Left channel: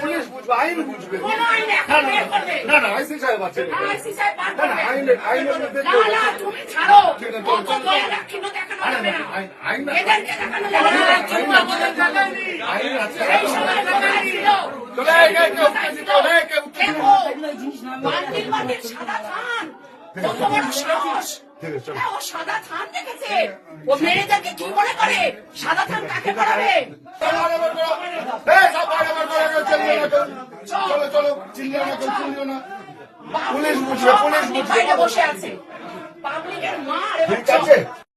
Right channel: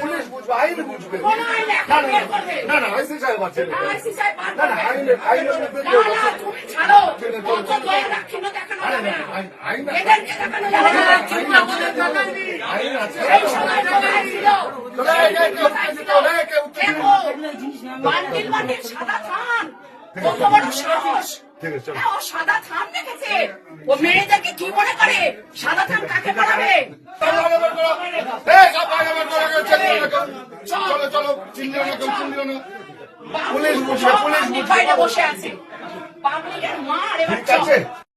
Police বুঝবে, আইন বুঝবে। না না আইসি সাহেব আছে, না না আইন আইন সাদা থান দেখেছে ও মেয়েদেরকে কি মনে করে? সাদা থান কাকে পড়াবে? চলো চলো পুলিশ বসে আছে, পাবলিকের মার এবার